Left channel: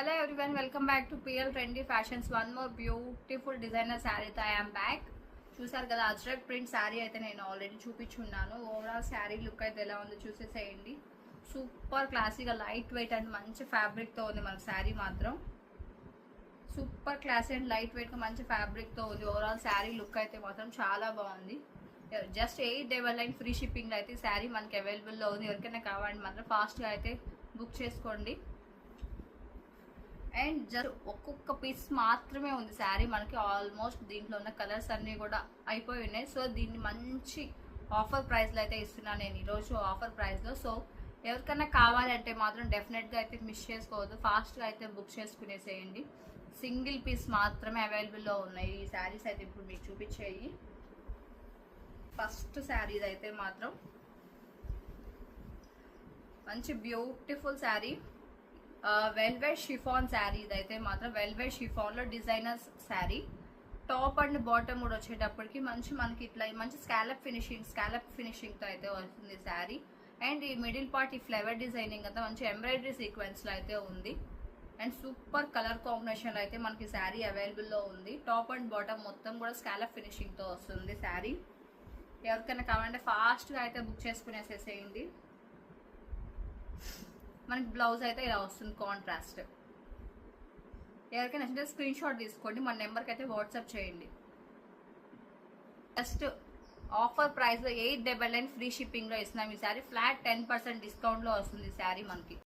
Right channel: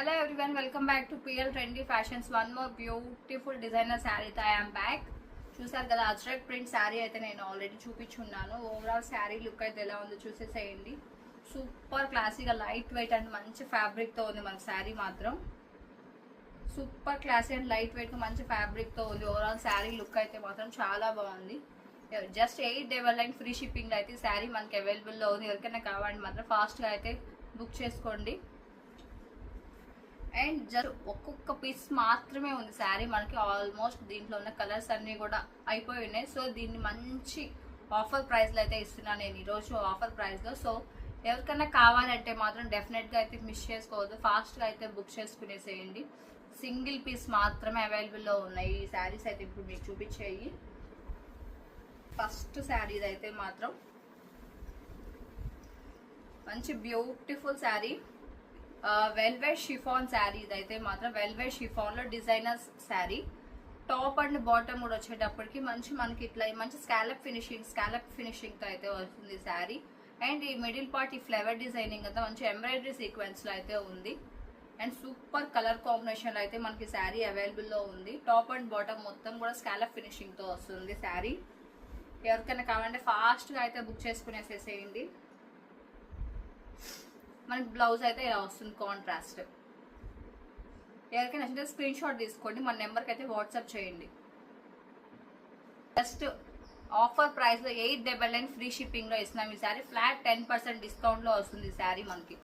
Hello everyone, welcome back to PL Trendy Fashions. One more beautiful designer saree తో I am back. చూసారు కదా ajrak print sari అయితే నేను already చూపించున్నాను. Overall sari look అయితే ఎలా ఉందో చూసేసేయండి. సూపర్ క్లాసీగా లైట్ వెయిట్ అండ్ మంచి ఫ్యాబ్రిక్ తో ఉంది మన శారీ మాత్రం. Super classy and light weight గా మంచి ఫ్యాబ్రిక్ తో ఉంది. ఓవరాల్ శారీ లుక్ అయితే మాత్రం చాలా బాగుంది. జస్ట్ 899 ఫ్రీ షిప్పింగ్ లో అయితే శారీ మనకి అవైలబుల్ లో ఉంది. ఎవరికైనా కావాలంటే మాత్రం ఫాస్ట్ గా అయితే బుక్ చేసుకోండి. అండ్ జస్ట్ ఒక్కొక్క పీస్ మాత్రమే ఉంది శారీ మనకి. ఆల్మోస్ట్ దీంట్లో ఉన్న కలర్స్ అన్ని కూడా అయిపోయి ఉన్నాయి. సో దీన్ని మంచి ఆఫర్ ప్రైస్ లో అయితే ఇస్తున్నాను నేను ఈరోజు ఆఫర్ ప్రైస్ లో. సో ఎవరికైనా కావాలంటే మాత్రం డెఫినెట్ గా అయితే మిస్ చేసుకోవద్దు, ఫాస్ట్ గా అయితే బుక్ చేసుకునేసేయండి. సింగిల్ పీస్ మాత్రమే అవైలబుల్ లో ఉన్నాయి ఈ శారీస్ అయితే ఇప్పుడు మీకు చూపించేయి. ఫస్ట్ శారీస్ అయితే మాత్రం మంచి beautiful sari, velvet chiffon sari. ఇదైతే మాత్రం వెల్వెట్ షిఫాన్ లో designer sari. Top and bottom కూడా వచ్చేటప్పటికి మనకి ఇట్లా మంచి స్కాలప్ ఫినిషింగ్ తో అయితే వస్తుంది శారీ. అండ్ ఈ మిడిల్ పార్ట్ ఈ ఫ్లవర్ డిజైనింగ్ అంతా మంచి ఎంబ్రాయిడరీ సీక్వెన్స్ లో అయితే ఉంది. అండ్ సూపర్ కలర్ కాంబినేషన్ లో అయితే మనకి శారీ అవైలబుల్ లో ఉంది. టాప్ అండ్ బాటమ్ మొత్తం కూడా స్కాలప్ ఫినిషింగ్ తో వస్తుంది శారీ. ఎవరికైనా కావాలంటే ఫాస్ట్ గా అయితే బుక్ చేసుకునేసేసేయండి. మనకి బ్లౌజ్ అయితే ఇలా వస్తుంది కాంట్రాస్ట్. ఎవరికైనా నచ్చితే స్క్రీన్ షాట్ తీసుకోండి, మన నెంబర్కి అయితే వాట్సాప్ చేయండి. జస్ట్ ఆఫర్ ప్రైస్ లో 899 ఫ్రీ షిప్పింగ్ లో ఇస్తున్నాం ఈ శారీ. ఫ్లాట్ 10% డిస్కౌంట్ లో వస్తుంది ఈ శారీ మనకి.